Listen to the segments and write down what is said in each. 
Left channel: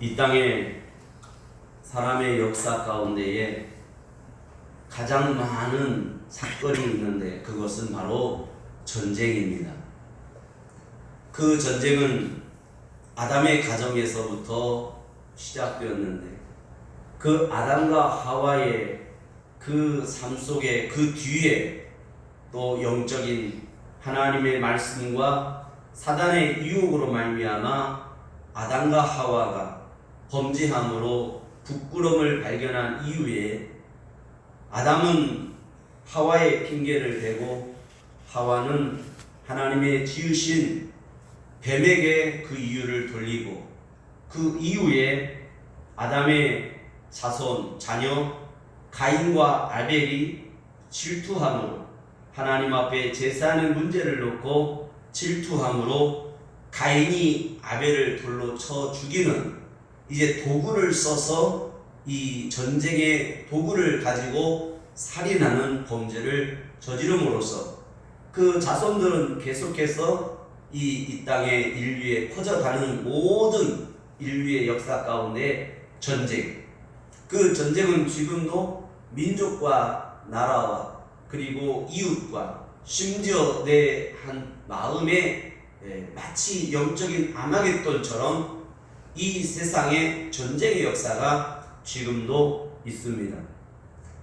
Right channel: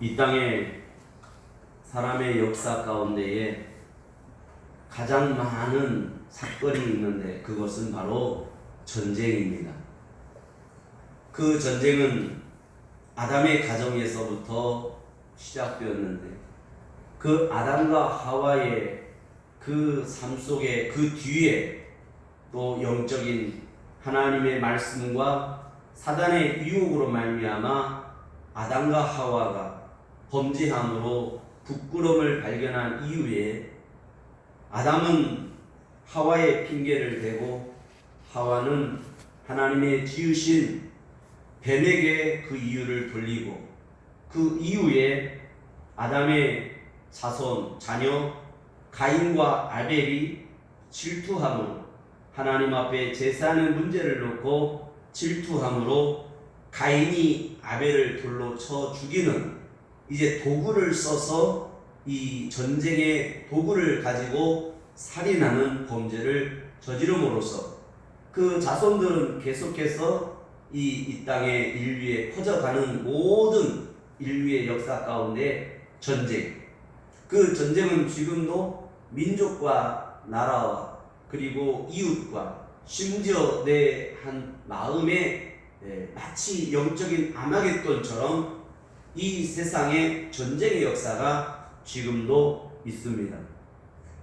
이 땅에 사람의 역사 가운데에 가장 많은 사건이 있는데 그것은 바로 전쟁입니다. 그 전쟁은 아담의 가정에서부터 시작되었는데 그 아담과 하와의 그 삶 속에 그 뒤에 또 영적인 하나님의 말씀과 사단의 유혹으로 말미암아 아담과 하와가 범죄함으로 부끄러움을 발견한 이후에 아담은 하와의 핑계를 대고 하와는 하나님의 지으신 뱀에게 그 이유를 돌리고 그 이후에 아담의 자손 자녀 가인과 아벨이 질투함으로 하나님 앞에 제사하는 문제를 놓고 질투함으로 가인이 아벨을 돌로 쳐 죽이는 이제 도구를 써서 이 전쟁의 도구를 가지고 살인하는 범죄를 저지름으로써 그 자손들은 계속해서 이 땅의 인류에 퍼져가는 모든 인류의 역사 가운데 전쟁, 그 전쟁은 지금도 민족과 나라와 그리고 이웃과 심지어 내 한 마음에 마치 영적인 아마겟돈처럼 이 세상의 전쟁의 역사가 지금도 있습니다.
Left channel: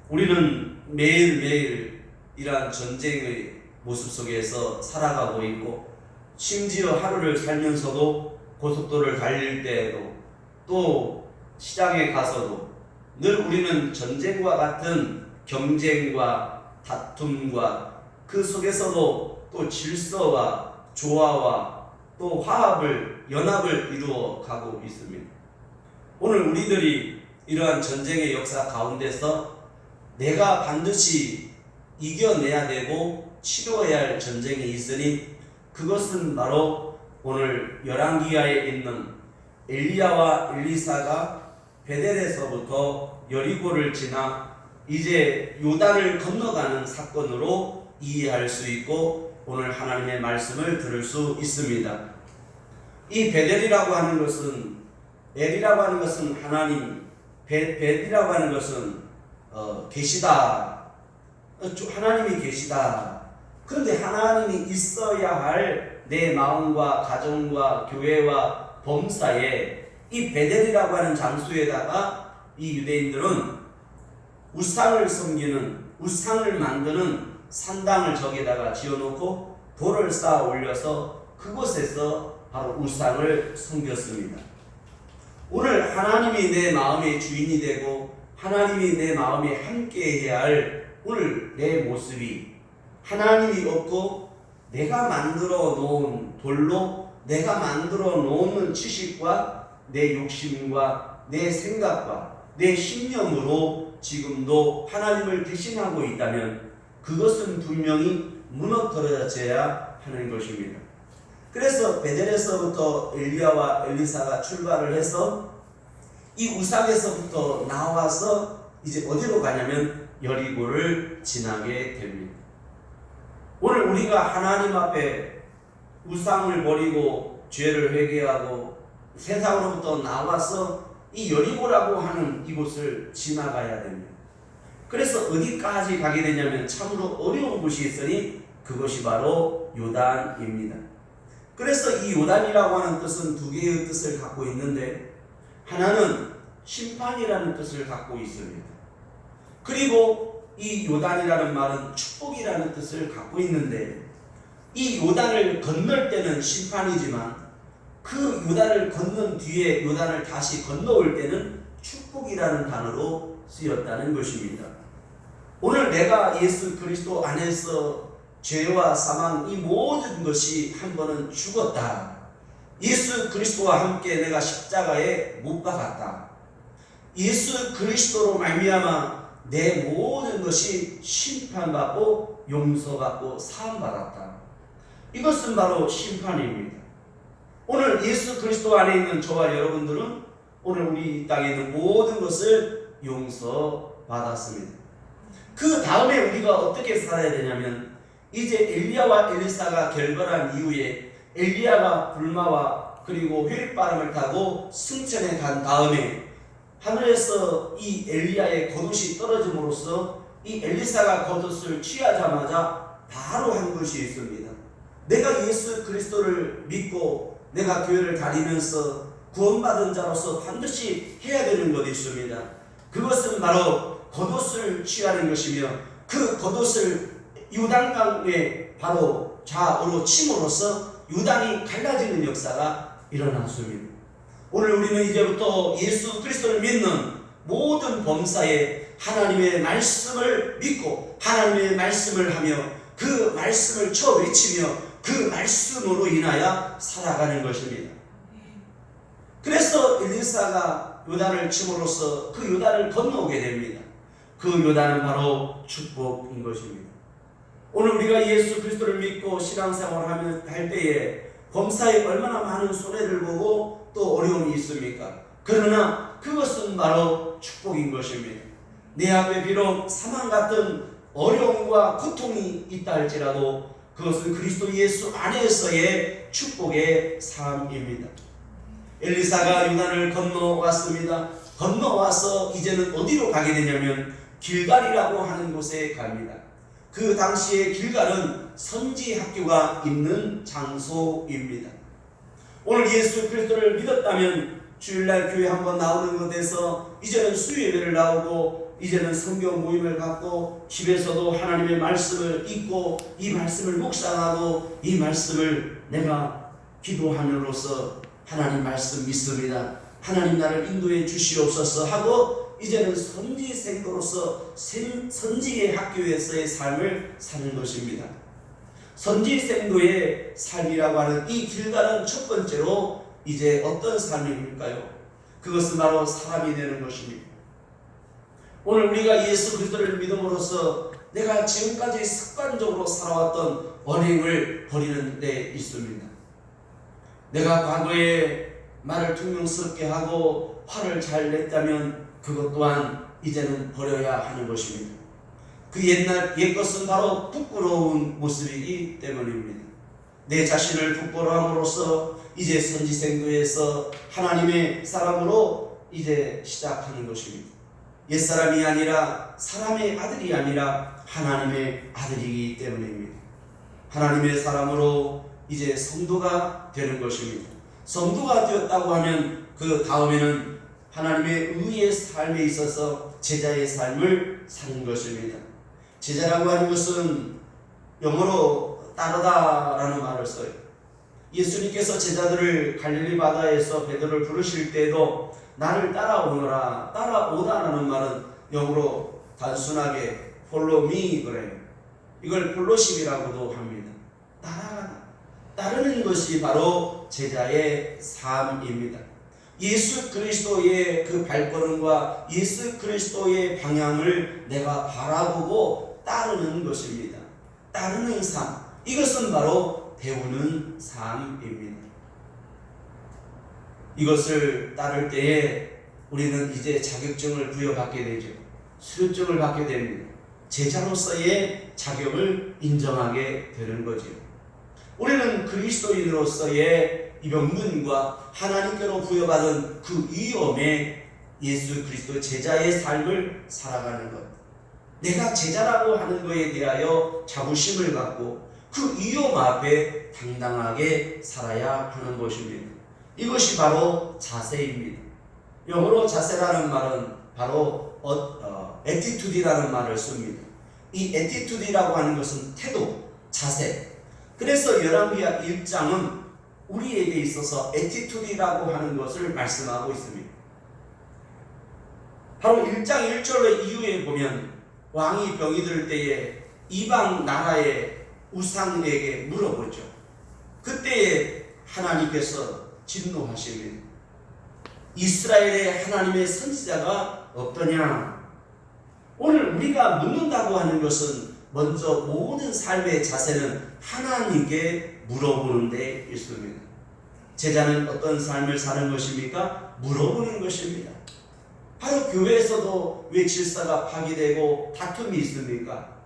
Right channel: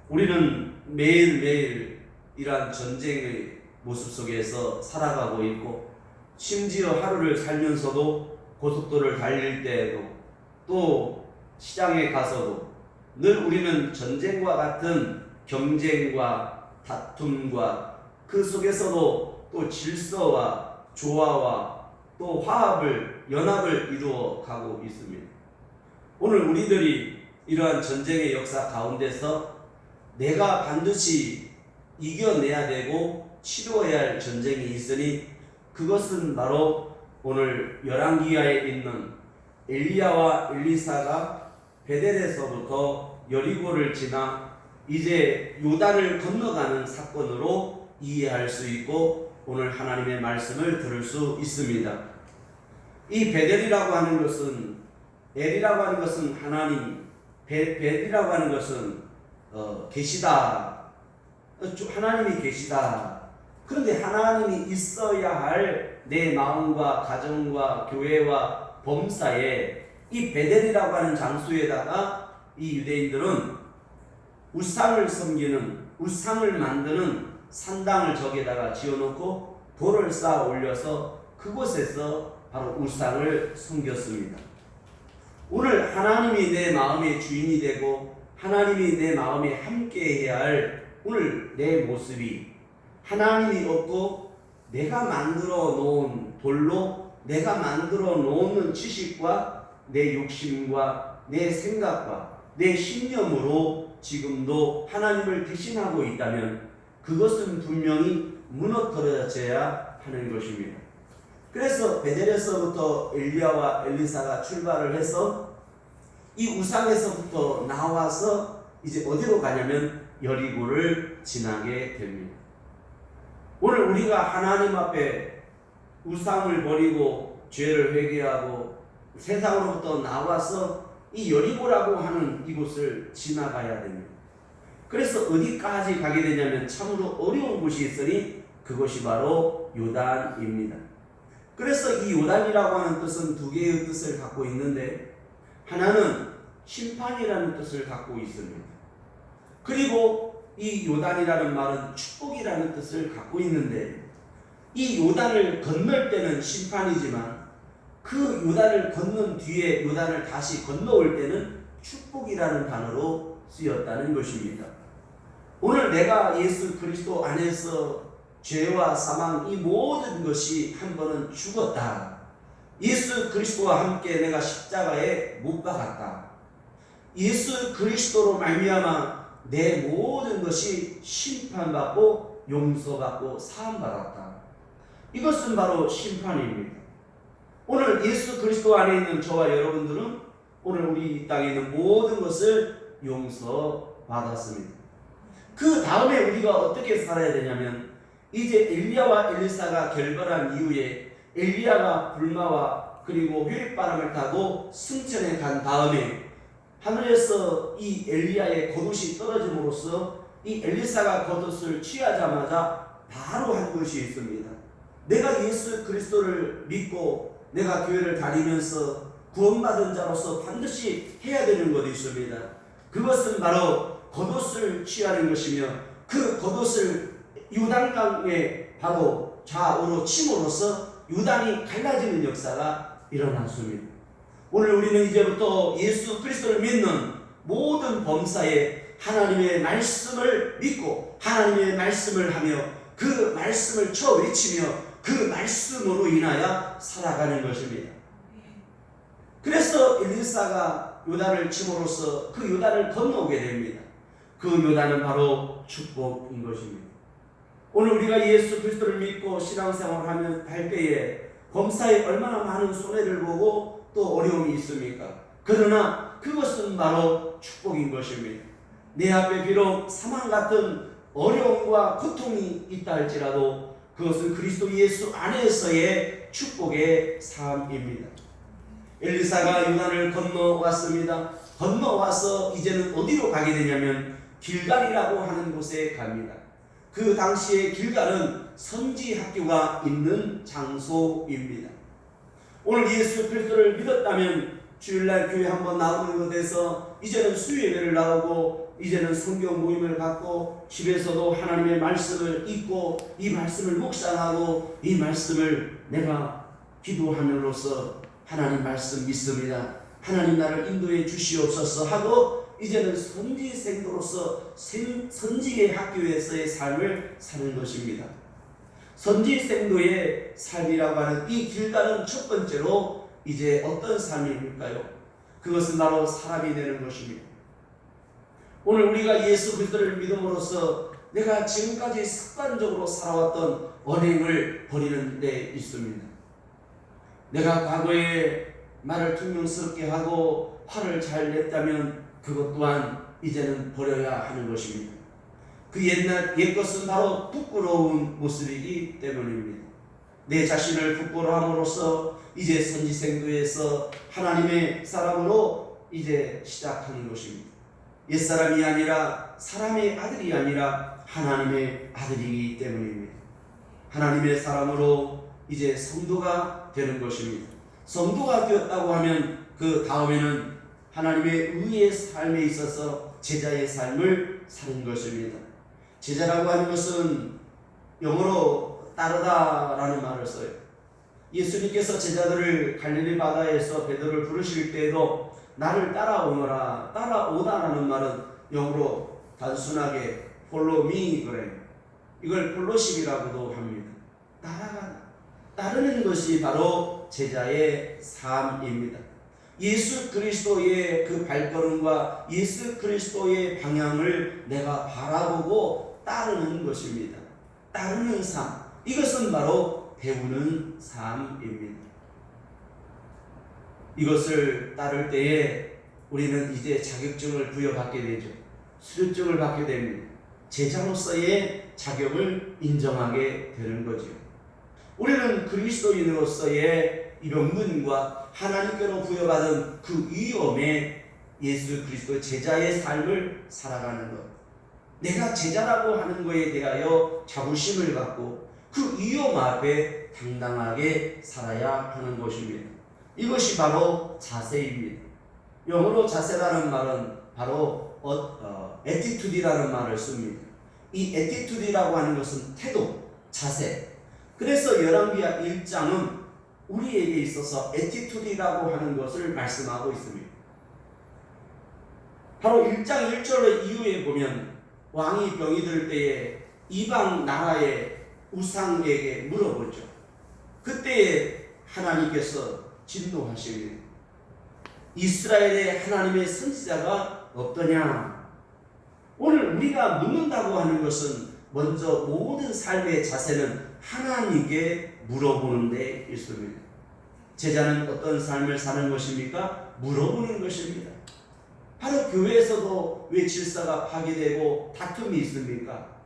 우리는 매일매일 이러한 전쟁의 모습 속에서 살아가고 있고 심지어 하루를 살면서도 고속도로를 달릴 때에도 또 시장에 가서도 늘 우리는 전쟁과 같은 경쟁과 다툼과 그 속에서도 또 질서와 조화와 또 화합을 연합을 이루어 가고 있습니다. 오늘 우리들이 이러한 전쟁의 역사 가운데서 내가 반드시 이겨내야 되고 치루어야 할 전쟁이 있으니 그것은 바로 오늘 열왕기하에 있는 엘리야와 엘리사가 베델에서부터 여리고를 지나 이제 요단을 건너가는 사건으로 이해할 수 있고 오늘 하나님의 말씀을 들을 수 있습니다. 이 베델이라고 하는 것은 엘이라고 하는 것은 하나님, 벳이라고 하는 것은 계시다. 하나님이 계시다. 그런데 하나님이 있어야 할 내 마음과 가정과 교회와 범사에 이 베델이라고 하는 장소에다가 이 유대인들은 우상을 섬기는 우상을 만드는 산당을 저기에다가 지어놓고 돌을 쌓아 올려서 그곳에서 바로 우상을 섬겼습니다. 오늘 하나님이 내 마음의 주인이 되고 하나님이 내 마음에 함께해야 할 오늘 내 모습이 하나님이 없고 내가 만들어 놓은 돌로 내가 만들어 놓는 지식과 내 욕심과 내 생각과 내 신념으로 지금도 하나님을 대신하고 있다면 그것은 분명히 무너뜨려져야 하는 것입니다. 그래서 베델에서부터 엘리야와 엘리사가 출발을 해서 이 우상에서부터 나와서 이제 어디로 가냐면 여리고를 지나게 됩니다. 오늘 우리가 하나님 앞에 우상을 버리고 죄를 회개하고 세상으로부터 나와서 이 여리고라고 하는 이곳을 지나가야 됩니다. 그래서 어디까지 가게 되냐면 참으로 어려운 곳이 있으니 그것이 바로 요단입니다. 그래서 이 요단이라고 하는 뜻은 두 개의 뜻을 갖고 있는데 하나는 심판이라는 뜻을 갖고 있습니다. 그리고 이 요단이라는 말은 축복이라는 뜻을 갖고 있는데 이 요단을 건널 때는 심판이지만 그 요단을 건넌 뒤에 요단을 다시 건너올 때는 축복이라는 단어로 쓰였다는 것입니다. 오늘 내가 예수 그리스도 안에서 죄와 사망 이 모든 것이 한 번은 죽었다. 예수 그리스도와 함께 내가 십자가에 못 박았다. 예수 그리스도로 말미암아 내 모든 것이 심판받고 용서받고 사함받았다. 이것은 바로 심판입니다. 오늘 예수 그리스도 안에 있는 저와 여러분들은 오늘 우리 땅에 있는 모든 것을 용서받았습니다. 그 다음에 우리가 어떻게 살아야 되냐면 이제 엘리야와 엘리사가 결별한 이후에 엘리야가 불마와 그리고 휘릿바람을 타고 승천에 간 다음에 하늘에서 이 엘리야의 겉옷이 떨어짐으로써 이 엘리사가 겉옷을 취하자마자 바로 한 것이 있습니다. 내가 예수 그리스도를 믿고 내가 교회를 다니면서 구원받은 자로서 반드시 해야 되는 것이 있습니다. 그것은 바로 겉옷을 취하는 것이며 그 겉옷을 요단강에 바로 좌우로 침으로써 요단이 갈라지는 역사가 일어났습니다. 오늘 우리는 이제부터 예수 그리스도를 믿는 모든 범사에 하나님의 말씀을 믿고 하나님의 말씀을 하며 그 말씀을 외치며 그 말씀으로 인하여 살아가는 것입니다. 그래서 엘리사가 요단을 침으로써 그 요단을 건너오게 됩니다. 그 요단은 바로 축복인 것입니다. 오늘 우리가 예수 그리스도를 믿고 신앙생활을 할 때에 범사에 얼마나 많은 손해를 보고 또 어려움이 있습니까? 그러나 그것은 바로 축복인 것입니다. 내 앞에 비록 사망 같은 어려움과 고통이 있다 할지라도 그것은 그리스도 예수 안에서의 축복의 삶입니다. 엘리사가 요단을 건너왔습니다. 건너와서 이제는 어디로 가게 되냐면 길갈이라고 하는 곳에 갑니다. 그 당시에 길갈은 선지 학교가 있는 장소입니다. 오늘 예수 그리스도를 믿었다면 주일날 교회 한번 나오는 것에서 이제는 수요예배를 나오고 이제는 성경 모임을 갖고 집에서도 하나님의 말씀을 읽고 이 말씀을 묵상하고 이 말씀을 내가 기도함으로써 하나님 말씀 믿습니다. 하나님 나를 인도해 주시옵소서 하고 이제는 선지생도로서 선지의 학교에서의 삶을 사는 것입니다. 선지생도의 삶이라고 하는 이 길가는 첫 번째로 이제 어떤 삶일까요? 그것은 바로 사람이 되는 것입니다. 오늘 우리가 예수 그리스도를 믿음으로써 내가 지금까지 습관적으로 살아왔던 언행을 버리는 데 있습니다. 내가 과거에 말을 퉁명스럽게 하고 화를 잘 냈다면 그것 또한 이제는 버려야 하는 것입니다. 그 옛 것은 바로 부끄러운 모습이기 때문입니다. 내 자신을 부끄러움으로써 이제 선지생도에서 하나님의 사람으로 이제 시작하는 것입니다. 옛사람이 아니라 사람의 아들이 아니라 하나님의 아들이기 때문입니다. 하나님의 사람으로 이제 성도가 되는 것입니다. 성도가 되었다고 하면 그 다음에는 하나님의 의의 삶에 있어서 제자의 삶을 사는 것입니다. 제자라고 하는 것은 영어로 따르다라는 말을 써요. 예수님께서 제자들을 갈릴리 바다에서 베드로를 부르실 때에도 나를 따라오너라, 따라오다라는 말은 영어로 단순하게 follow me 그래요. 이걸 폴로십이라고도 합니다. 따라가다, 따르는 것이 바로 제자의 삶입니다. 예수 그리스도의 그 발걸음과 예수 그리스도의 방향을 내가 바라보고 따르는 것입니다. 따르는 삶, 이것은 바로 배우는 삶입니다. 이것을 따를 때에 우리는 이제 자격증을 부여받게 되죠. 수료증을 받게 됩니다. 제자로서의 자격을 인정하게 되는 거죠. 우리는 그리스도인으로서의 이 명분과 하나님께로 부여받은 그 위엄에 예수 그리스도 제자의 삶을 살아가는 것, 내가 제자라고 하는 것에 대하여 자부심을 갖고 그 위엄 앞에 당당하게 살아야 하는 것입니다. 이것이 바로 자세입니다. 영어로 자세라는 말은 바로 attitude이라는 말을 씁니다. 이 attitude이라고 하는 것은 태도, 자세. 그래서 열왕기하 1장은 우리에게 있어서 attitude이라고 하는 것을 말씀하고 있습니다. 바로 1장 1절로 이후에 보면 왕이 병이 들 때에 이방 나라의 우상에게 물어보죠. 그때에 하나님께서 진노하십니다. 이스라엘의 하나님의 선지자가 어떠냐? 오늘 우리가 묻는다고 하는 것은 먼저 모든 삶의 자세는 하나님께 물어보는 데 있습니다. 제자는 어떤 삶을 사는 것입니까? 물어보는 것입니다. 바로 교회에서도 왜 질서가 파괴되고 다툼이 있습니까?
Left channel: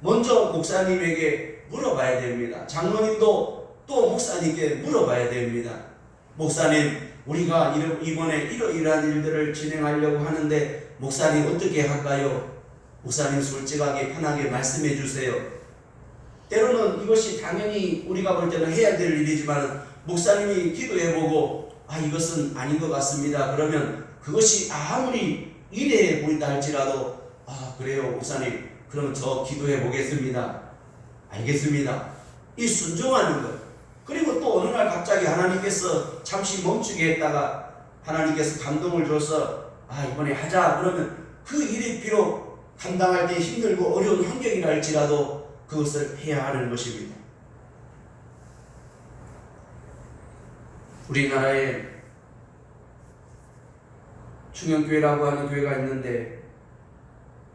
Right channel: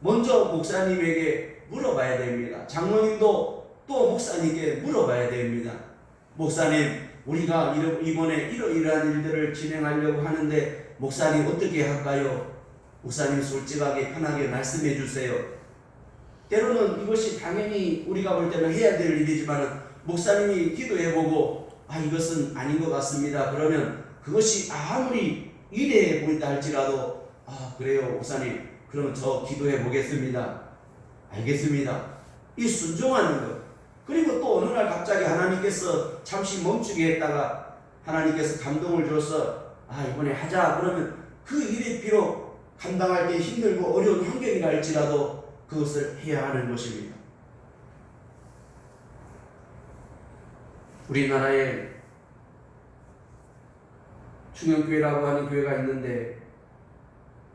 먼저 목사님에게 물어봐야 됩니다. 장로님도 또 목사님께 물어봐야 됩니다. 목사님, 우리가 이번에 이러이러한 일들을 진행하려고 하는데 목사님 어떻게 할까요? 목사님 솔직하게 편하게 말씀해 주세요. 때로는 이것이 당연히 우리가 볼 때는 해야 될 일이지만 목사님이 기도해보고 이것은 아닌 것 같습니다. 그러면 그것이 아무리 이래 보인다 할지라도 그래요 목사님, 그러면 저 기도해 보겠습니다. 알겠습니다. 이 순종하는 것. 그리고 또 어느 날 갑자기 하나님께서 잠시 멈추게 했다가 하나님께서 감동을 줘서 이번에 하자 그러면 그 일이 비록 감당할 때 힘들고 어려운 환경이라 할지라도 그것을 해야 하는 것입니다. 우리나라에 충영교회라고 하는 교회가 있는데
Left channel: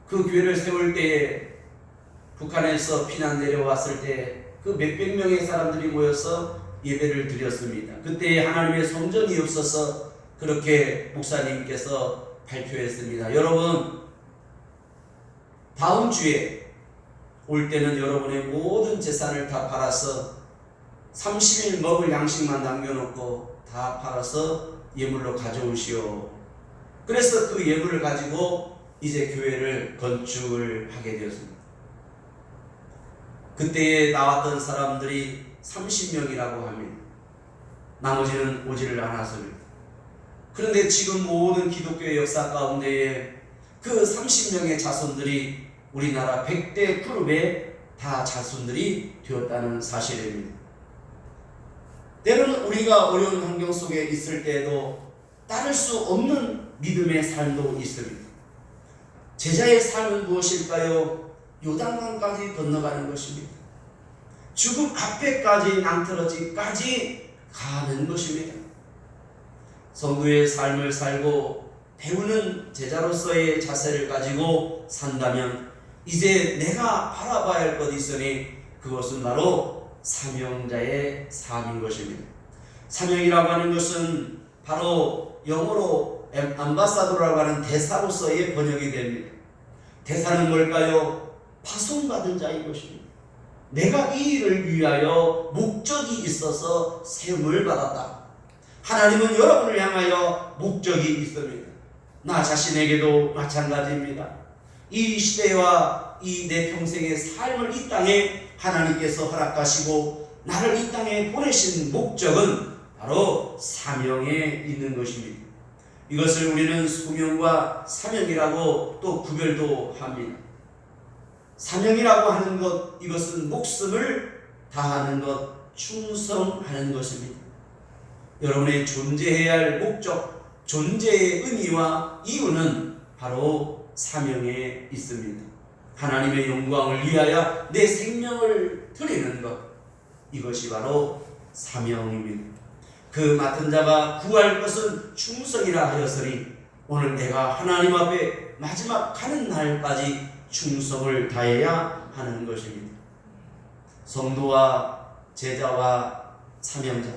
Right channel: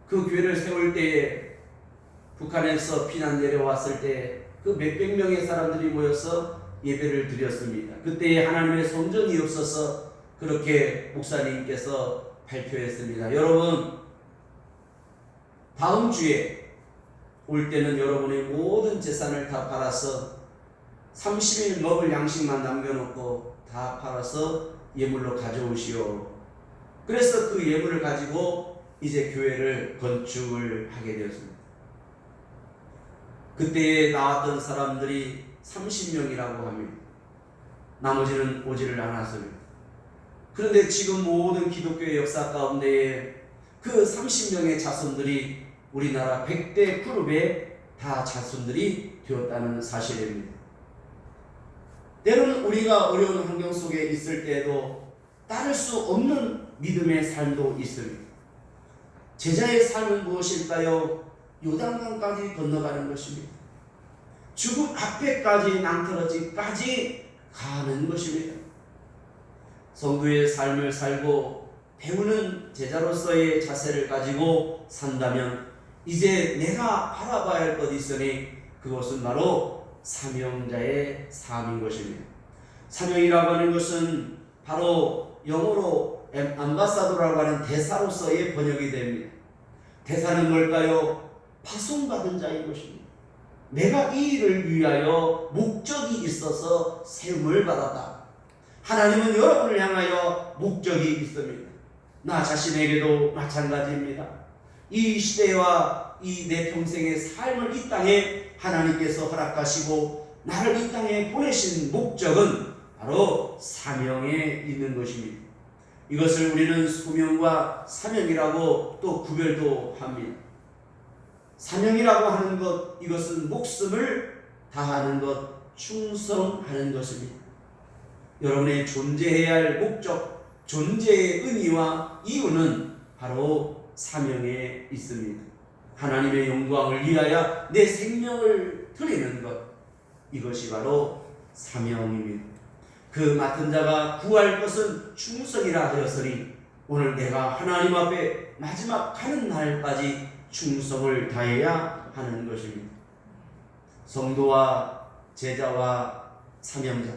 그 교회를 세울 때에 북한에서 피난 내려왔을 때 그 몇백 명의 사람들이 모여서 예배를 드렸습니다. 그때 하나님의 성전이 없어서 그렇게 목사님께서 발표했습니다. 여러분, 다음 주에 올 때는 여러분의 모든 재산을 다 팔아서 30일 먹을 양식만 남겨놓고 다 팔아서 예물로 가져오시오. 그래서 그 예물을 가지고 이제 교회를 건축을 하게 되었습니다. 그때에 나왔던 사람들이 30명이라고 합니다. 나머지는 오지를 않았습니다. 그런데 지금 모든 기독교의 역사 가운데에 그 30명의 자손들이 우리나라 100대 그룹의 다 자손들이 되었다는 사실입니다. 때로는 우리가 어려운 환경 속에 있을 때에도 따를 수 없는 믿음의 삶도 있습니다. 제자의 삶은 무엇일까요? 요단강까지 건너가는 것입니다. 죽음 앞에까지 낭떠러지까지 가는 것입니다. 성도의 삶을 살고 배우는 제자로서의 자세를 가지고 산다면 이제 내가 바라봐야 할 것이 있으니 그것은 바로 사명자의 삶인 것입니다. 사명이라고 하는 것은 바로 영어로 암바사도라고 하는 대사로서의 번역이 됩니다. 대사는 뭘까요? 파송받은 자인 것입니다. 내가 이 일을 위하여 목적이 있어서 세움을 받았다. 하나님은 여러분을 향하여 목적이 있습니다. 나 자신에게도 마찬가지입니다. 이 시대와 이 내 평생의 삶을 이 땅에 하나님께서 허락하시고 나를 이 땅에 보내신 목적은 바로 사명에 있는 것입니다. 이것을 우리는 소명과 사명이라고 또 구별도 합니다. 사명이라고 하는 것, 이것은 목숨을 다하는 것, 충성하는 것입니다. 여러분의 존재해야 할 목적, 존재의 의미와 이유는 바로 사명에 있습니다. 하나님의 영광을 위하여 내 생명을 드리는 것, 이것이 바로 사명입니다. 그 맡은 자가 구할 것은 충성이라 하였으니 오늘 내가 하나님 앞에 마지막 가는 날까지 충성을 다해야 하는 것입니다. 성도와 제자와 사명자.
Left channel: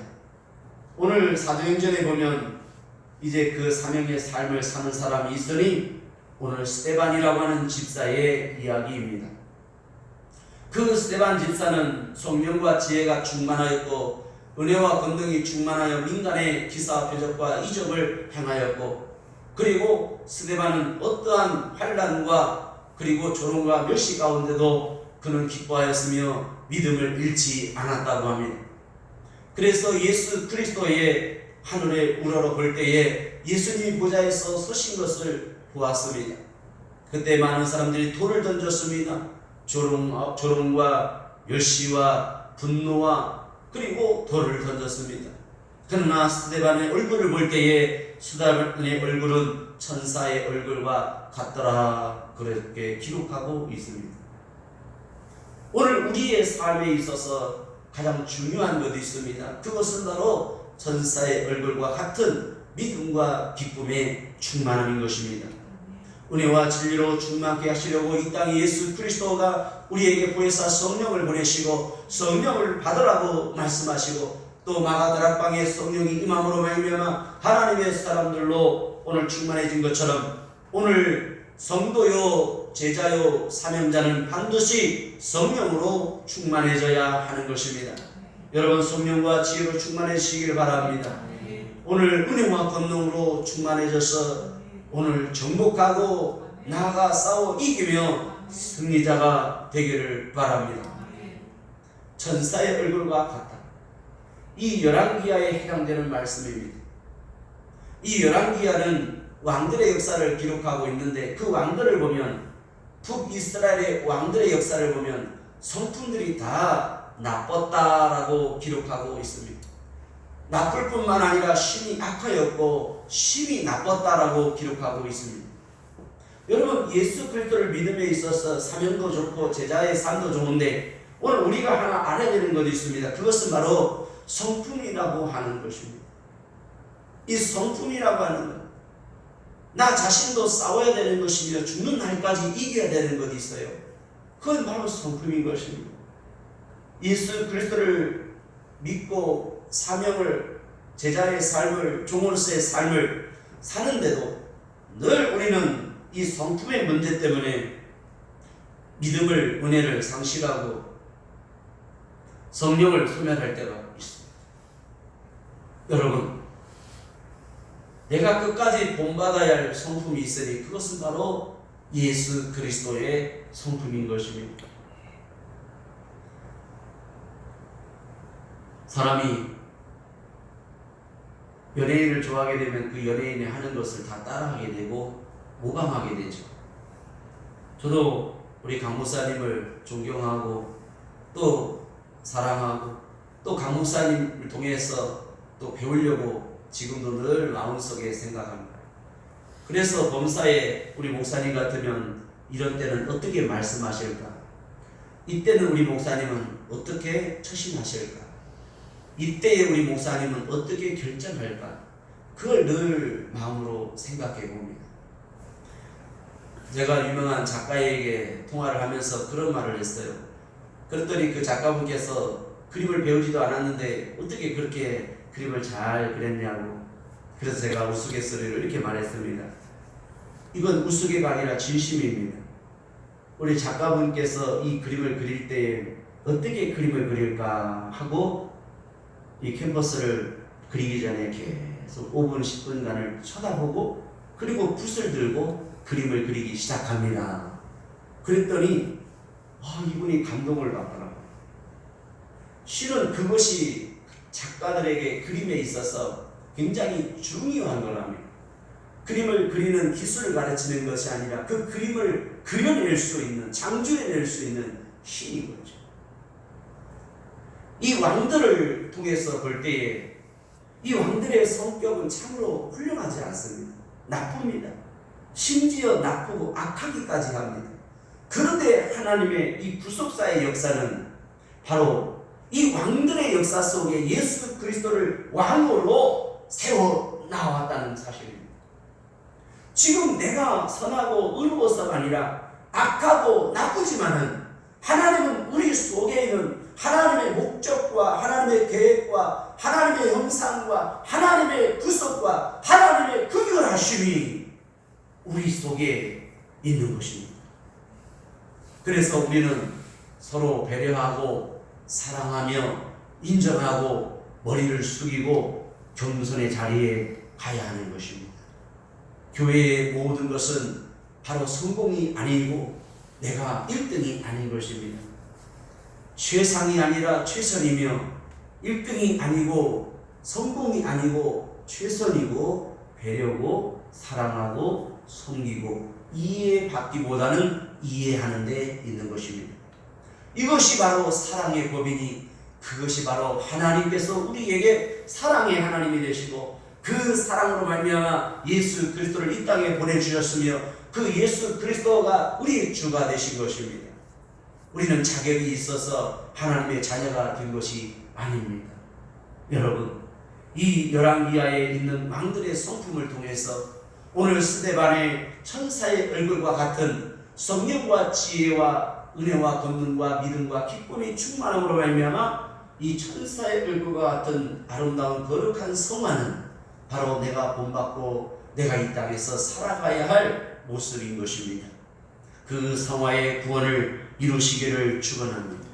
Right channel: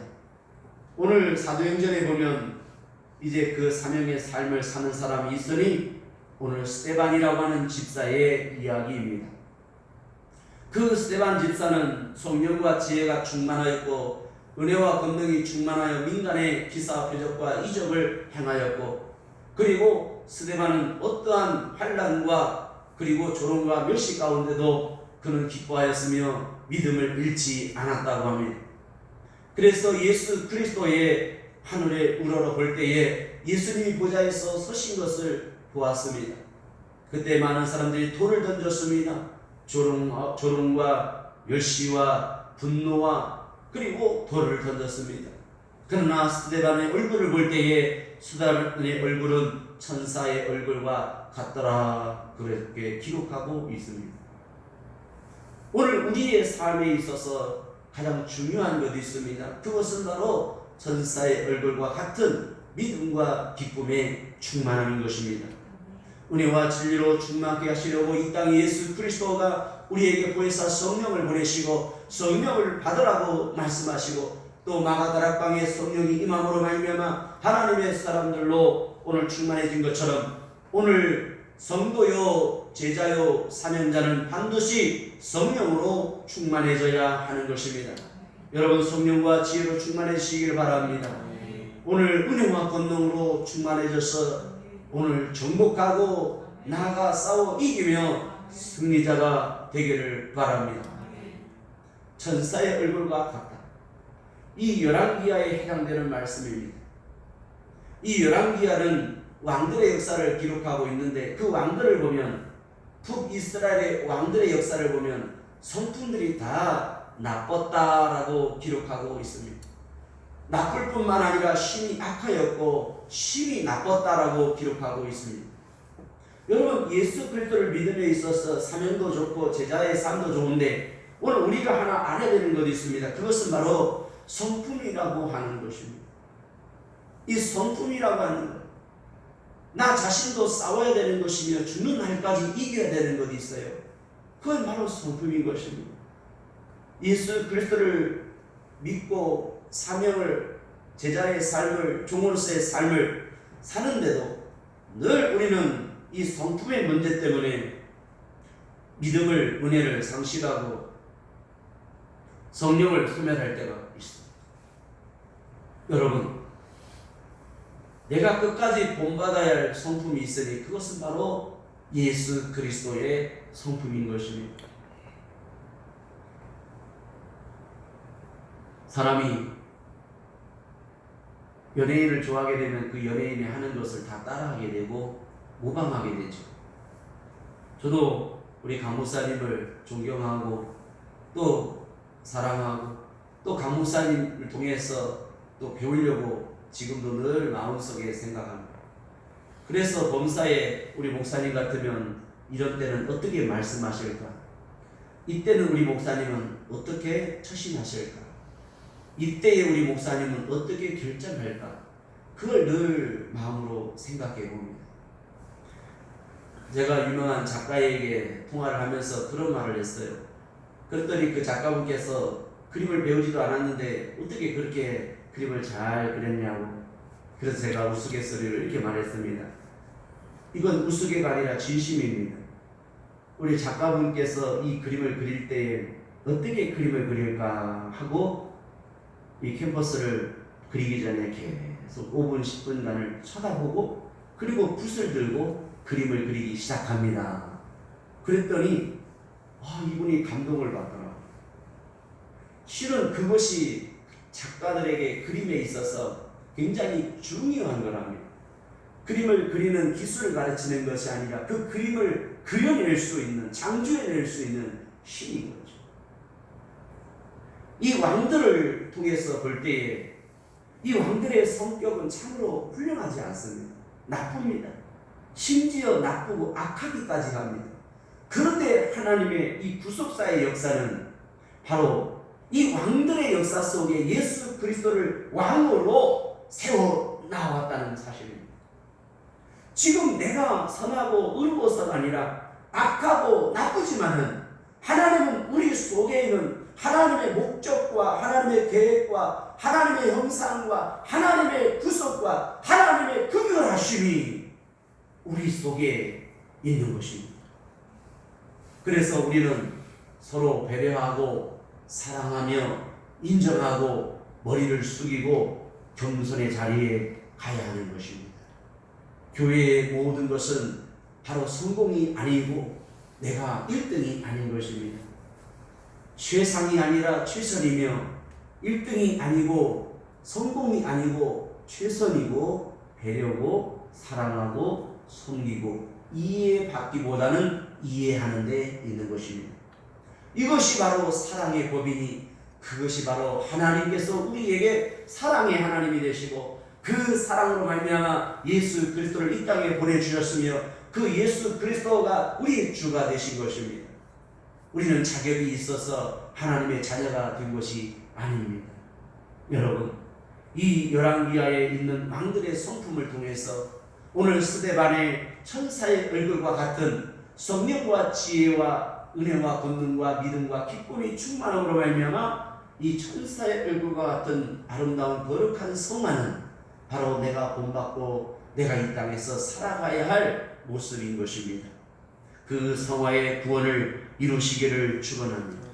오늘 사도행전에 보면 이제 그 사명의 삶을 사는 사람이 있으니 오늘 스데반이라고 하는 집사의 이야기입니다. 그 스데반 집사는 성령과 지혜가 충만하였고 은혜와 권능이 충만하여 민간의 기사 표적과 이적을 행하였고 그리고 스데반은 어떠한 환난과 그리고 조롱과 멸시 가운데도 그는 기뻐하였으며 믿음을 잃지 않았다고 합니다. 그래서 예수 그리스도의 하늘에 우러러 볼 때에 예수님이 보좌에서 서신 것을 보았습니다. 그때 많은 사람들이 돌을 던졌습니다. 조롱과 멸시와 분노와 그리고 돌을 던졌습니다. 그러나 스데반의 얼굴을 볼 때에 스데반의 얼굴은 천사의 얼굴과 같더라, 그렇게 기록하고 있습니다. 오늘 우리의 삶에 있어서 가장 중요한 것이 있습니다. 그것은 바로 천사의 얼굴과 같은 믿음과 기쁨의 충만함인 것입니다. 은혜와 진리로 충만케 하시려고 이 땅에 예수 그리스도가 우리에게 보혜사 성령을 보내시고 성령을 받으라고 말씀하시고 또 마가다락방에 성령이 임함으로 말미암아 하나님의 사람들로 오늘 충만해진 것처럼 오늘 성도요 제자요 사명자는 반드시 성령으로 충만해져야 하는 것입니다. 여러분 성령과 지혜로 충만해지시길 바랍니다. 오늘 은혜와 권능으로 충만해져서 오늘 정복하고 나아가 싸워 이기며 승리자가 되기를 바랍니다. 천사의 얼굴과 같다. 이 열왕기하에 해당되는 말씀입니다. 이 열왕기하는 왕들의 역사를 기록하고 있는데 그 왕들을 보면 북이스라엘의 왕들의 역사를 보면 성품들이 다 나빴다라고 기록하고 있습니다. 나쁠 뿐만 아니라 심히 악하였고 심히 나빴다라고 기록하고 있습니다. 여러분, 예수 그리스도를 믿음에 있어서 사명도 좋고 제자의 삶도 좋은데 오늘 우리가 하나 알아야 되는 것이 있습니다. 그것은 바로 성품이라고 하는 것입니다. 이 성품이라고 하는 것, 나 자신도 싸워야 되는 것이며 죽는 날까지 이겨야 되는 것이 있어요. 그건 바로 성품인 것입니다. 예수 그리스도를 믿고 사명을, 제자의 삶을, 종으로서의 삶을 사는데도 늘 우리는 이 성품의 문제 때문에 믿음을, 은혜를 상실하고 성령을 소멸할 때가 있습니다. 여러분, 내가 끝까지 본받아야 할 성품이 있으니 그것은 바로 예수 그리스도의 성품인 것입니다. 사람이 연예인을 좋아하게 되면 그 연예인이 하는 것을 다 따라하게 되고 모방하게 되죠. 저도 우리 강 목사님을 존경하고 또 사랑하고 또 강 목사님을 통해서 또 배우려고 지금도 늘 마음속에 생각합니다. 그래서 범사에 우리 목사님 같으면 이런 때는 어떻게 말씀하실까? 이때는 우리 목사님은 어떻게 처신하실까? 이때의 우리 목사님은 어떻게 결정할까? 그걸 늘 마음으로 생각해 봅니다. 제가 유명한 작가에게 통화를 하면서 그런 말을 했어요. 그랬더니 그 작가분께서 그림을 배우지도 않았는데 어떻게 그렇게 그림을 잘 그렸냐고. 그래서 제가 우스갯소리로 이렇게 말했습니다. 이건 우스개가 아니라 진심입니다. 우리 작가분께서 이 그림을 그릴 때 어떻게 그림을 그릴까 하고 이 캔버스를 그리기 전에 계속 5분, 10분간을 쳐다보고 그리고 붓을 들고 그림을 그리기 시작합니다. 그랬더니 이분이 감동을 받더라고요. 실은 그것이 작가들에게 그림에 있어서 굉장히 중요한 거랍니다. 그림을 그리는 기술을 가르치는 것이 아니라 그 그림을 그려낼 수 있는, 창조해낼 수 있는 힘인 거죠. 이 왕들을 통해서 볼 때에 이 왕들의 성격은 참으로 훌륭하지 않습니다. 나쁩니다. 심지어 나쁘고 악하기까지 합니다. 그런데 하나님의 이 구속사의 역사는 바로 이 왕들의 역사 속에 예수 그리스도를 왕으로 세워 나왔다는 사실입니다. 지금 내가 선하고 의로워서가 아니라 악하고 나쁘지만은 하나님은 우리 속에 있는 하나님의 목적과 하나님의 계획과 하나님의 형상과 하나님의 구속과 하나님의 긍휼하심이 우리 속에 있는 것입니다. 그래서 우리는 서로 배려하고 사랑하며 인정하고 머리를 숙이고 겸손의 자리에 가야 하는 것입니다. 교회의 모든 것은 바로 성공이 아니고 내가 1등이 아닌 것입니다. 최상이 아니라 최선이며 1등이 아니고 성공이 아니고 최선이고 배려고 사랑하고 섬기고 이해받기보다는 이해하는 데 있는 것입니다. 이것이 바로 사랑의 법이니 그것이 바로 하나님께서 우리에게 사랑의 하나님이 되시고 그 사랑으로 말미암아 예수 그리스도를 이 땅에 보내주셨으며 그 예수 그리스도가 우리의 주가 되신 것입니다. 우리는 자격이 있어서 하나님의 자녀가 된 것이 아닙니다. 여러분, 이 열왕기하에 있는 왕들의 성품을 통해서 오늘 스데반의 천사의 얼굴과 같은 성령과 지혜와 은혜와 권능과 믿음과 기쁨이 충만함으로 말미암아 이 천사의 얼굴과 같은 아름다운 거룩한 성화는 바로 내가 본받고 내가 이 땅에서 살아가야 할 모습인 것입니다. 그 성화의 구원을 이루시기를 축원합니다.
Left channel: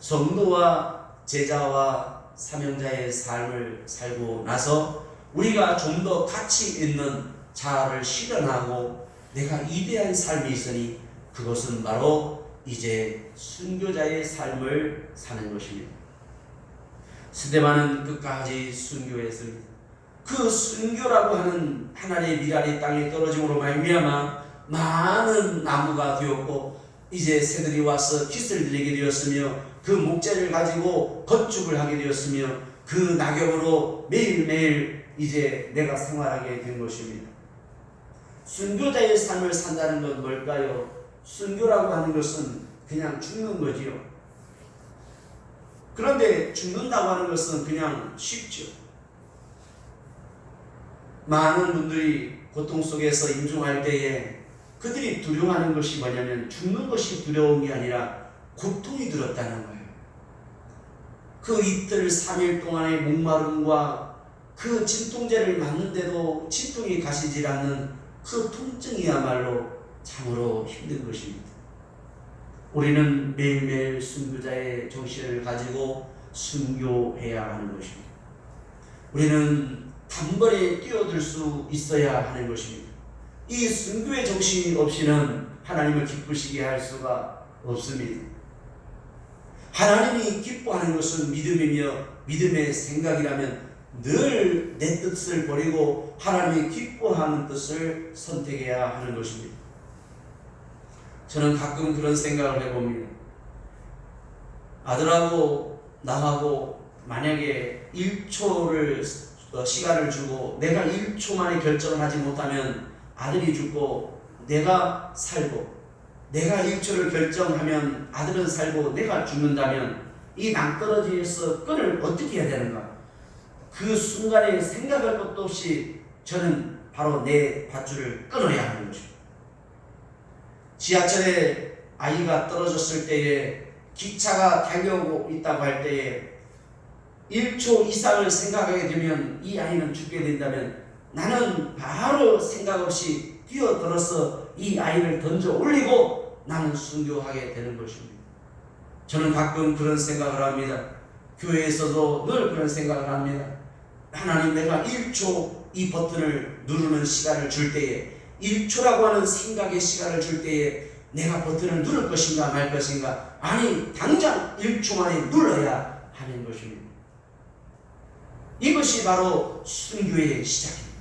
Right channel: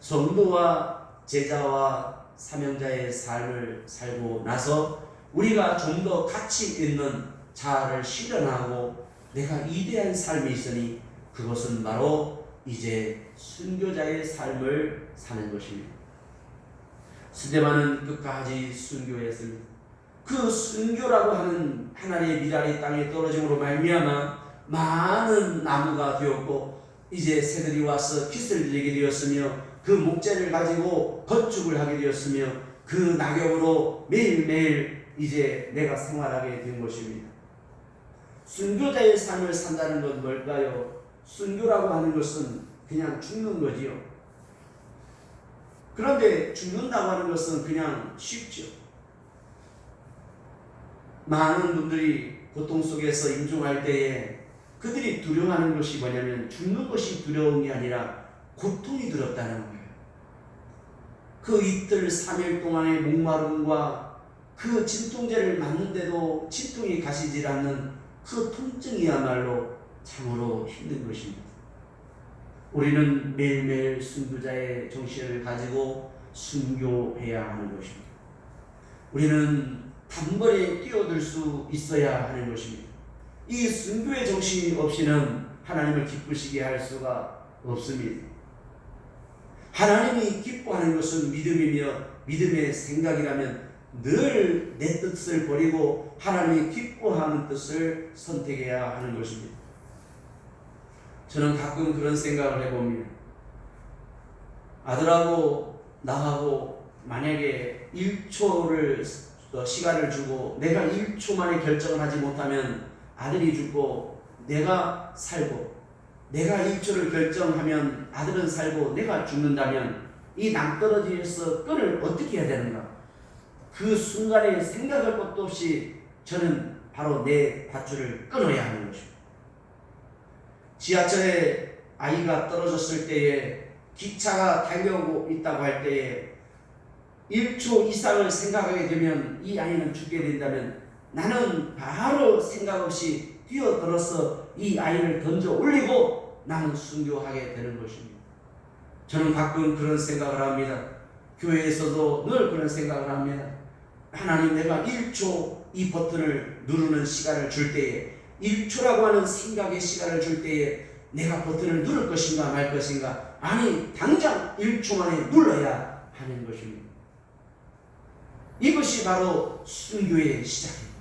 성도와 제자와 사명자의 삶을 살고 나서 우리가 좀 더 가치 있는 자아를 실현하고 내가 위대한 삶이 있으니 그것은 바로 이제 순교자의 삶을 사는 것입니다. 스데반은 끝까지 순교했습니다. 그 순교라고 하는 하나님의 미랄이 땅에 떨어짐으로 말미암아 많은 나무가 되었고 이제 새들이 와서 깃을 내게 되었으며 그 목재를 가지고 건축을 하게 되었으며 그 낙엽으로 매일매일 이제 내가 생활하게 된 것입니다. 순교자의 삶을 산다는 건 뭘까요? 순교라고 하는 것은 그냥 죽는 거지요. 그런데 죽는다고 하는 것은 그냥 쉽죠. 많은 분들이 고통 속에서 임종할 때에 그들이 두려워하는 것이 뭐냐면 죽는 것이 두려운 게 아니라 고통이 들었다는 거예요. 그 이틀 3일 동안의 목마름과 그 진통제를 맞는데도 진통이 가시질 않는 그 통증이야말로 참으로 힘든 것입니다. 우리는 매일매일 순교자의 정신을 가지고 순교해야 하는 것입니다. 우리는 단번에 뛰어들 수 있어야 하는 것입니다. 이 순교의 정신이 없이는 하나님을 기쁘시게 할 수가 없습니다. 하나님이 기뻐하는 것은 믿음이며 믿음의 생각이라면 늘 내 뜻을 버리고 하나님이 기뻐하는 뜻을 선택해야 하는 것입니다. 저는 가끔 그런 생각을 해봅니다. 아들하고 나하고 만약에 1초를 시간을 주고 내가 1초 만에 결정을 하지 못하면 아들이 죽고 내가 살고 내가 1초를 결정하면 아들은 살고 내가 죽는다면 이 낭떠러지에서 끈을 어떻게 해야 되는가? 그 순간에 생각할 것도 없이 저는 바로 내 밧줄을 끊어야 하는 것입니다. 지하철에 아이가 떨어졌을 때에 기차가 달려오고 있다고 할 때에 1초 이상을 생각하게 되면 이 아이는 죽게 된다면 나는 바로 생각 없이 뛰어들어서 이 아이를 던져 올리고 나는 순교하게 되는 것입니다. 저는 가끔 그런 생각을 합니다. 교회에서도 늘 그런 생각을 합니다. 하나님, 내가 1초 이 버튼을 누르는 시간을 줄 때에 1초라고 하는 생각의 시간을 줄 때에 내가 버튼을 누를 것인가 말 것인가? 아니, 당장 1초 만에 눌러야 하는 것입니다. 이것이 바로 순교의 시작입니다.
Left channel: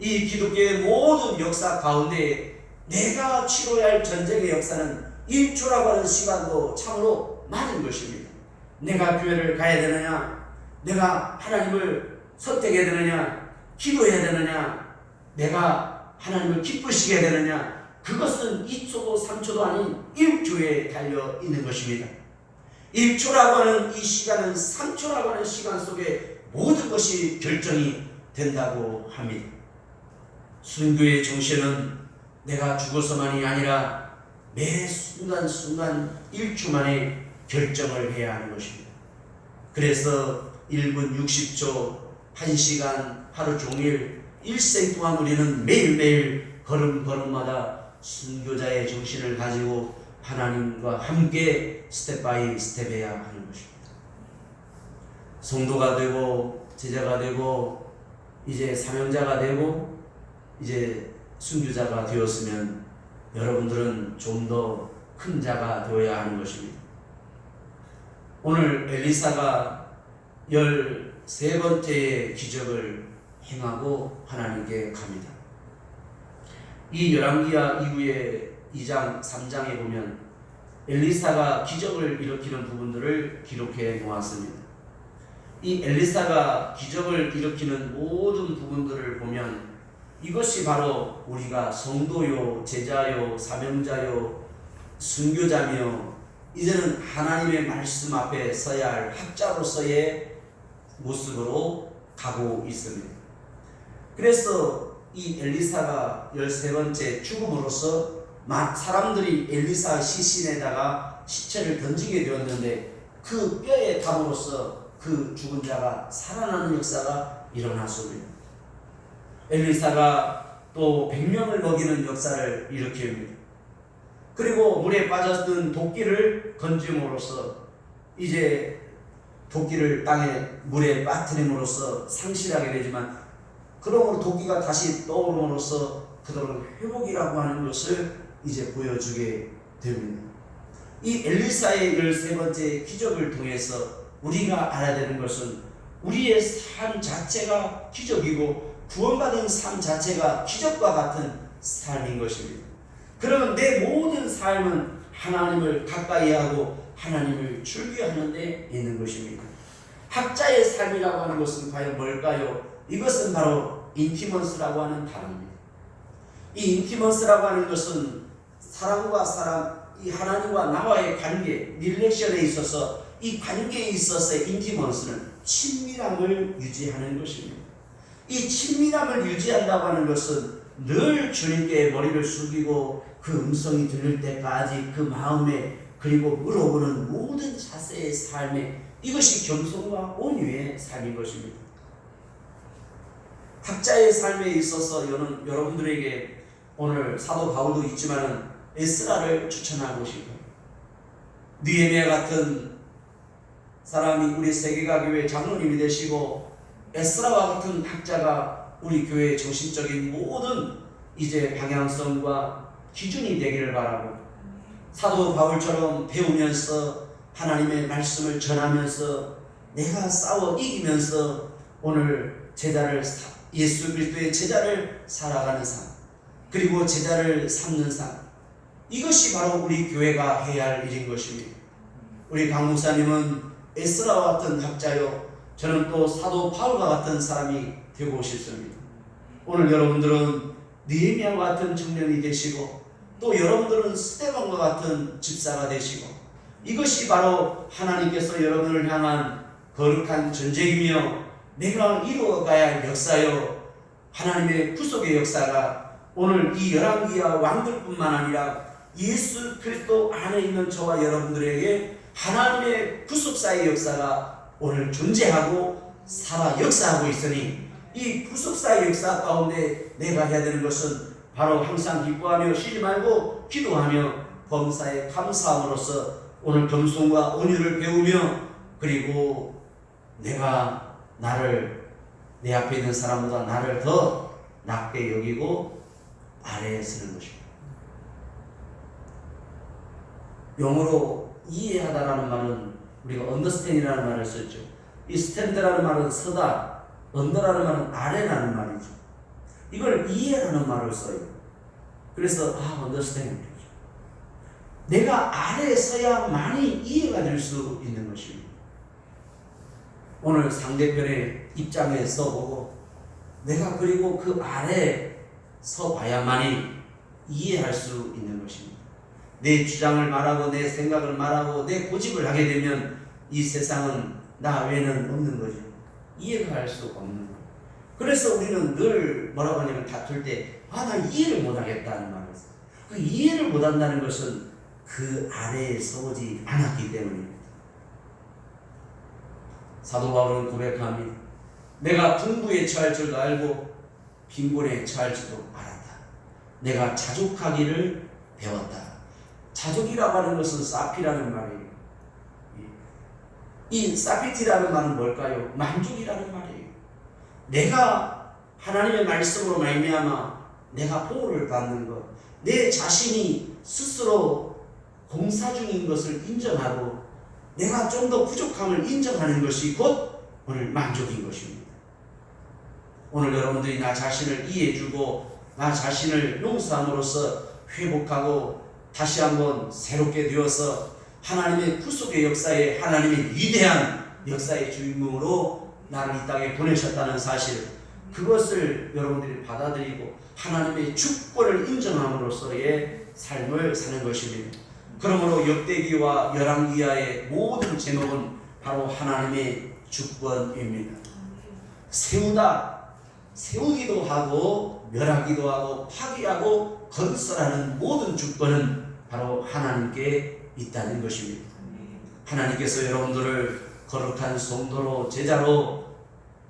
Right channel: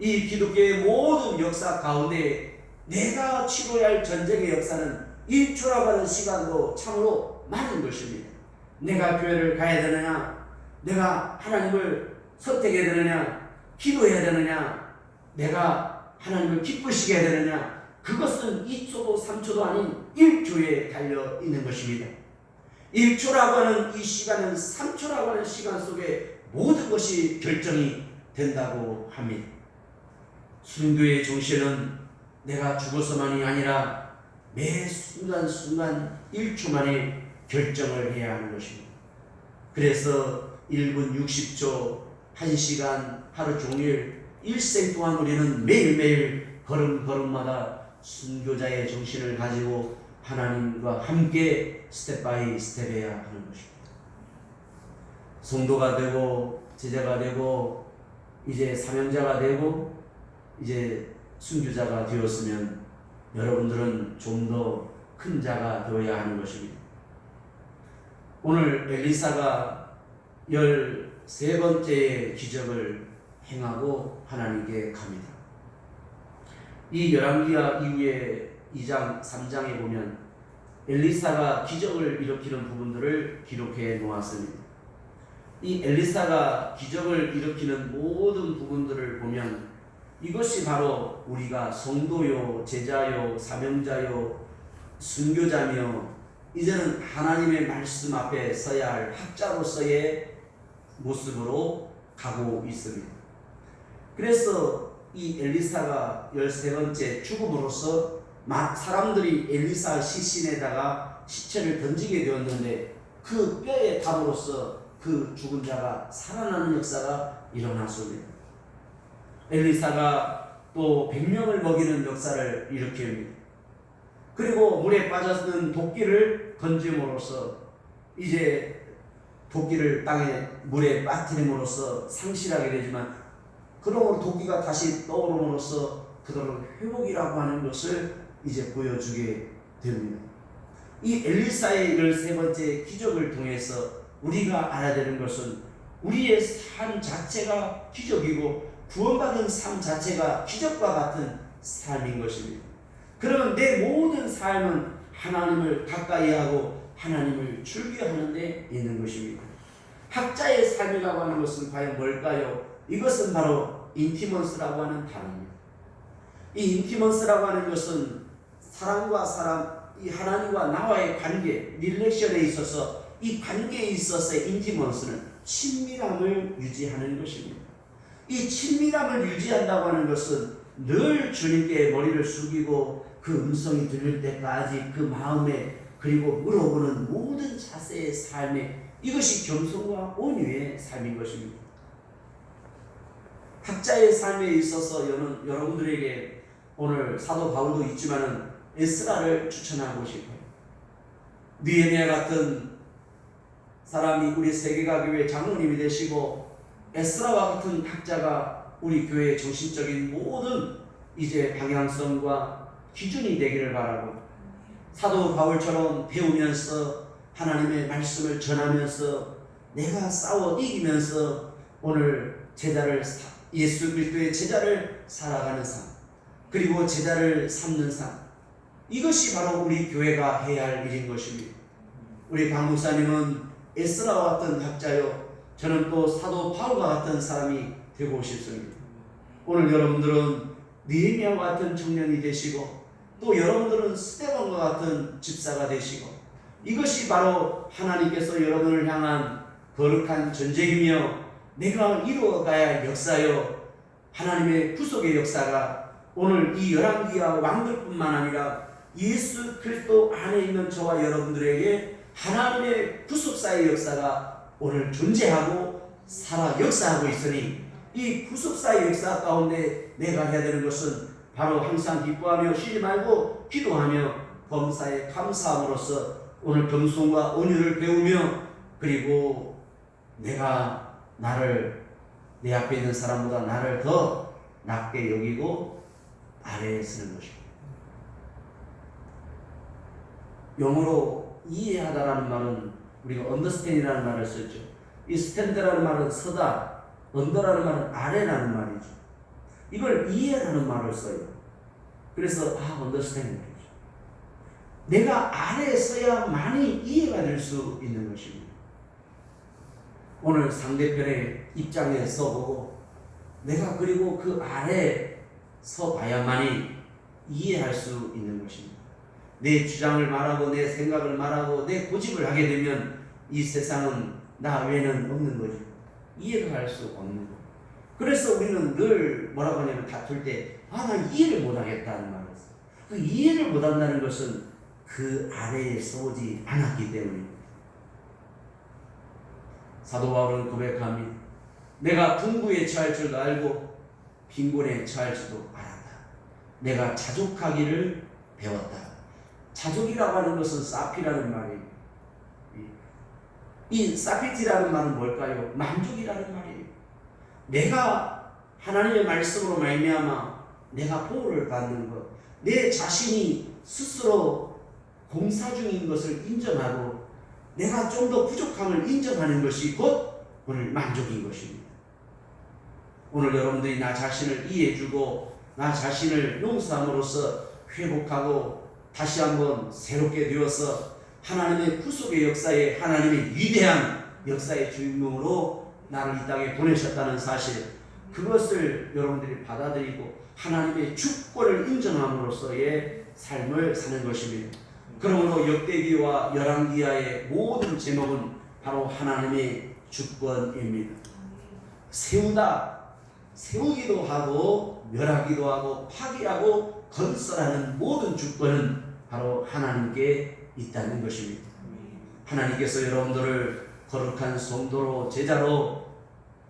이 기독교의 모든 역사 가운데 내가 치러야 할 전쟁의 역사는 1초라고 하는 시간도 참으로 많은 것입니다. 내가 교회를 가야 되느냐, 내가 하나님을 선택해야 되느냐, 기도해야 되느냐, 내가 하나님을 기쁘시게 해야 되느냐, 그것은 2초도 3초도 아닌 1초에 달려 있는 것입니다. 1초라고 하는 이 시간은 3초라고 하는 시간 속에 모든 것이 결정이 된다고 합니다. 순교의 정신은 내가 죽어서만이 아니라 매 순간순간 1초 만에 결정을 해야 하는 것입니다. 그래서 1분 60초, 1시간, 하루 종일, 일생 동안 우리는 매일매일 걸음걸음마다 순교자의 정신을 가지고 하나님과 함께 스텝 바이 스텝 해야 하는 것입니다. 성도가 되고 제자가 되고 이제 사명자가 되고 이제 순교자가 되었으면 여러분들은 좀 더 큰 자가 되어야 하는 것입니다. 오늘 엘리사가 13번째의 기적을 행하고 하나님께 갑니다. 이 열왕기하 이후에 2장, 3장에 보면 엘리사가 기적을 일으키는 부분들을 기록해 놓았습니다. 이 엘리사가 기적을 일으키는 모든 부분들을 보면 이것이 바로 우리가 성도요, 제자요, 사명자요, 순교자며 이제는 하나님의 말씀 앞에 서야 할 학자로서의 모습으로 가고 있습니다. 그래서 이 엘리사가 13번째 죽음으로써 사람들이 엘리사 시신에다가 시체를 던지게 되었는데 그 뼈에 닿음으로써 그 죽은 자가 살아나는 역사가 일어났습니다. 엘리사가 또 100명을 먹이는 역사를 일으킵니다. 그리고 물에 빠졌던 도끼를 건짐으로써 이제 도끼를 땅에 물에 빠뜨림으로써 상실하게 되지만 그러므로 도끼가 다시 떠오름으로써 그대로 회복이라고 하는 것을 이제 보여주게 됩니다. 이 엘리사의 13번째 기적을 통해서 우리가 알아야 되는 것은 우리의 삶 자체가 기적이고 구원받은 삶 자체가 기적과 같은 삶인 것입니다. 그러면 내 모든 삶은 하나님을 가까이 하고 하나님을 즐겨하는 데 있는 것입니다. 학자의 삶이라고 하는 것은 과연 뭘까요? 이것은 바로 인티먼스라고 하는 단어입니다. 이 인티먼스라고 하는 것은 사람과 사람, 이 하나님과 나와의 관계, 릴레이션에 있어서 이 관계에 있어서의 인티먼스는 친밀함을 유지하는 것입니다. 이 친밀함을 유지한다고 하는 것은 늘 주님께 머리를 숙이고 그 음성이 들릴 때까지 그 마음에 그리고 물어보는 모든 자세의 삶에 이것이 겸손과 온유의 삶인 것입니다. 각자의 삶에 있어서 여러분들에게 오늘 사도 바울도 있지만은 에스라를 추천하고 싶어요. 느헤미야 같은 사람이 우리 세계가 교회 장로님이 되시고 에스라와 같은 학자가 우리 교회의 정신적인 모든 이제 방향성과 기준이 되기를 바라고 사도 바울처럼 배우면서 하나님의 말씀을 전하면서 내가 싸워 이기면서 오늘 예수 그리스도의 제자를 살아가는 삶 그리고 제자를 삼는 삶 이것이 바로 우리 교회가 해야 할 일인 것입니다. 우리 강 목사님은 에스라와 같은 학자요 저는 또 사도 바울과 같은 사람이 되고 싶습니다. 오늘 여러분들은 느헤미야와 같은 청년이 되시고 또 여러분들은 스데반과 같은 집사가 되시고 이것이 바로 하나님께서 여러분을 향한 거룩한 전쟁이며 내가 이루어가야 할 역사요 하나님의 구속의 역사가 오늘 이 열왕기와 왕들뿐만 아니라 예수 그리스도 안에 있는 저와 여러분들에게 하나님의 구속사의 역사가 오늘 존재하고 살아 역사하고 있으니 이 구속사의 역사 가운데 내가 해야 되는 것은 바로 항상 기뻐하며 쉬지 말고 기도하며 범사에 감사함으로써 오늘 겸손과 온유를 배우며 그리고 내가 내 앞에 있는 사람보다 나를 더 낮게 여기고 아래에 서는 것입니다. 영어로 이해하다라는 말은 우리가 understand이라는 말을 썼죠. 이 stand라는 말은 서다, under라는 말은 아래라는 말이죠. 이걸 이해라는 말을 써요. 그래서 understand. 내가 아래에 서야만이 이해가 될 수 있는 것입니다. 오늘 상대편의 입장에 서보고 내가 그리고 그 아래에 서봐야만이 이해할 수 있는 것입니다. 내 주장을 말하고 내 생각을 말하고 내 고집을 하게 되면 이 세상은 나 외에는 없는 거죠. 이해가 할 수 없는 거예요. 그래서 우리는 늘 뭐라고 하냐면 다툴 때 나 이해를 못하겠다는 말을 써요. 그 이해를 못한다는 것은 그 아래에 서오지 않았기 때문입니다. 사도 바울은 고백합니다. 내가 풍부에 처할 줄도 알고 빈곤에 처할 줄도 알았다. 내가 자족하기를 배웠다. 자족이라고 하는 것은 사피라는 말이에요. 이 사피티라는 말은 뭘까요? 만족이라는 말이에요. 내가 하나님의 말씀으로 말미암아 내가 보호를 받는 것, 내 자신이 스스로 공사 중인 것을 인정하고 내가 좀 더 부족함을 인정하는 것이 곧 오늘 만족인 것입니다. 오늘 여러분들이 나 자신을 이해해주고 나 자신을 용서함으로써 회복하고 다시 한번 새롭게 되어서 하나님의 구속의 역사에 하나님의 위대한 역사의 주인공으로 나를 이 땅에 보내셨다는 사실 그것을 여러분들이 받아들이고 하나님의 주권을 인정함으로써의 삶을 사는 것입니다. 그러므로 역대기와 열왕기하의 모든 제목은 바로 하나님의 주권입니다. 세우기도 하고 멸하기도 하고 파괴하고 건설하는 모든 주권은 바로 하나님께 있다는 것입니다. 하나님께서 여러분들을 거룩한 성도로 제자로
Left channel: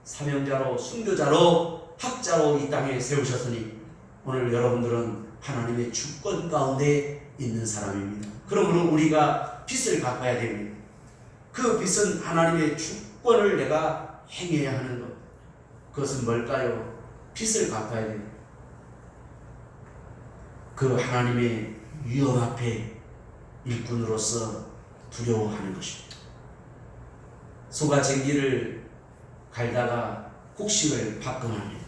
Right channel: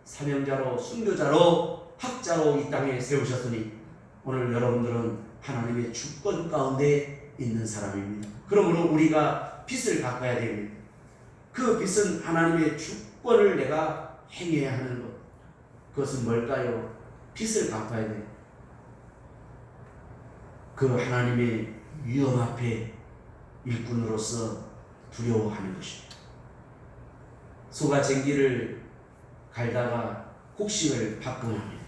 사명자로 순교자로 학자로 이 땅에 세우셨으니 오늘 여러분들은 하나님의 주권 가운데 있는 사람입니다. 그러므로 우리가 빛을 바꿔야 됩니다. 그 빚은 하나님의 주권을 내가 행해야 하는 것. 그것은 뭘까요? 빚을 갚아야 돼요. 그 하나님의 위험 앞에 일꾼으로서 두려워하는 것입니다. 소가 쟁기를 갈다가 곡식을 밥금합니다.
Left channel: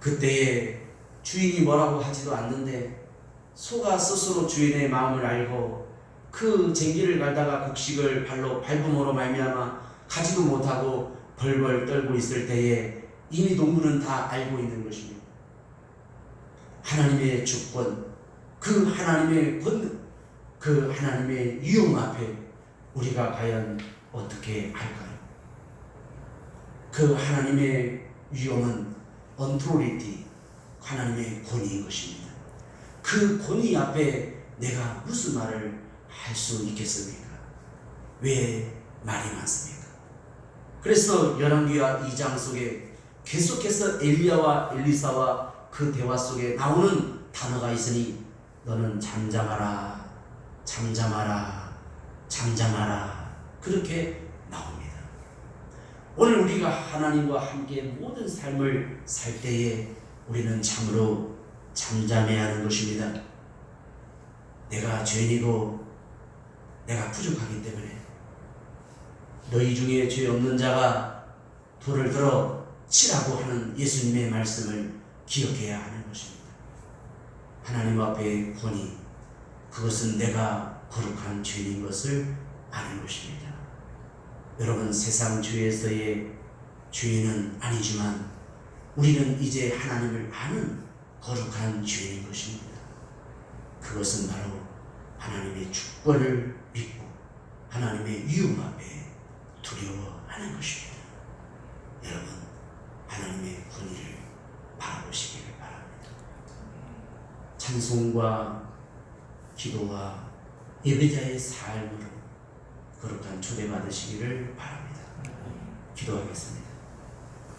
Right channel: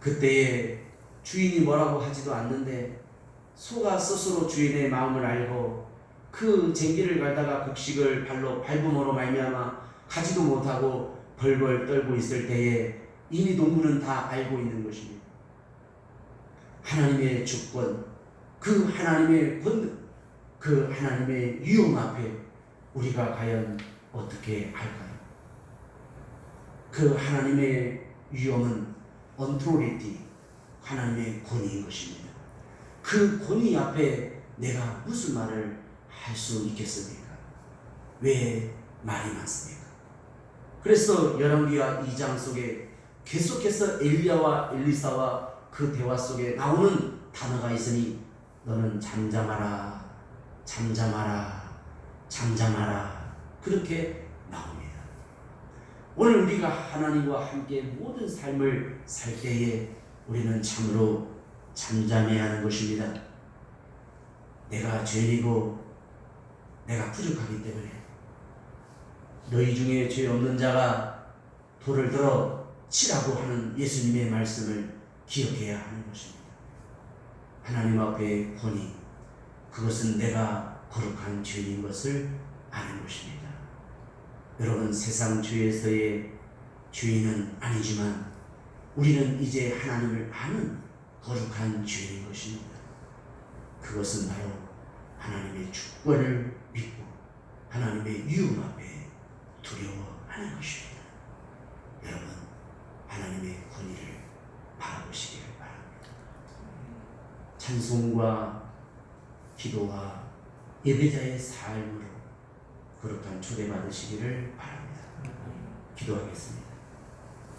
그때에 주인이 뭐라고 하지도 않는데 소가 스스로 주인의 마음을 알고 그 쟁기를 갈다가 곡식을 발로 밟음으로 말미암아 가지도 못하고 벌벌 떨고 있을 때에 이미 농부는 다 알고 있는 것입니다. 하나님의 주권, 그 하나님의 권능, 그 하나님의 위험 앞에 우리가 과연 어떻게 할까요? 그 하나님의 위험은 언토리티, 하나님의 권위인 것입니다. 그 권위 앞에 내가 무슨 말을 할 수 있겠습니까? 왜 말이 많습니까? 그래서 열왕기하 2장 속에 계속해서 엘리야와 엘리사와 그 대화 속에 나오는 단어가 있으니 너는 잠잠하라, 잠잠하라, 잠잠하라, 그렇게 나옵니다. 오늘 우리가 하나님과 함께 모든 삶을 살 때에 우리는 참으로 잠잠해야 하는 것입니다. 내가 죄인이고 내가 부족하기 때문에 너희 중에 죄 없는 자가 돌을 들어 치라고 하는 예수님의 말씀을 기억해야 하는 것입니다. 하나님 앞에 권위, 그것은 내가 거룩한 죄인 것을 아는 것입니다. 여러분, 세상 죄에서의 죄인은 아니지만 우리는 이제 하나님을 아는 거룩한 죄인 것입니다. 그것은 바로 하나님의 주권을 믿고 하나님의 위험 앞에 두려워하는 것입니다. 여러분, 하나님의 권위를 바라보시기를 바랍니다. 찬송과 기도와 예배자의 삶으로 거룩한 초대받으시기를 바랍니다. 기도하겠습니다.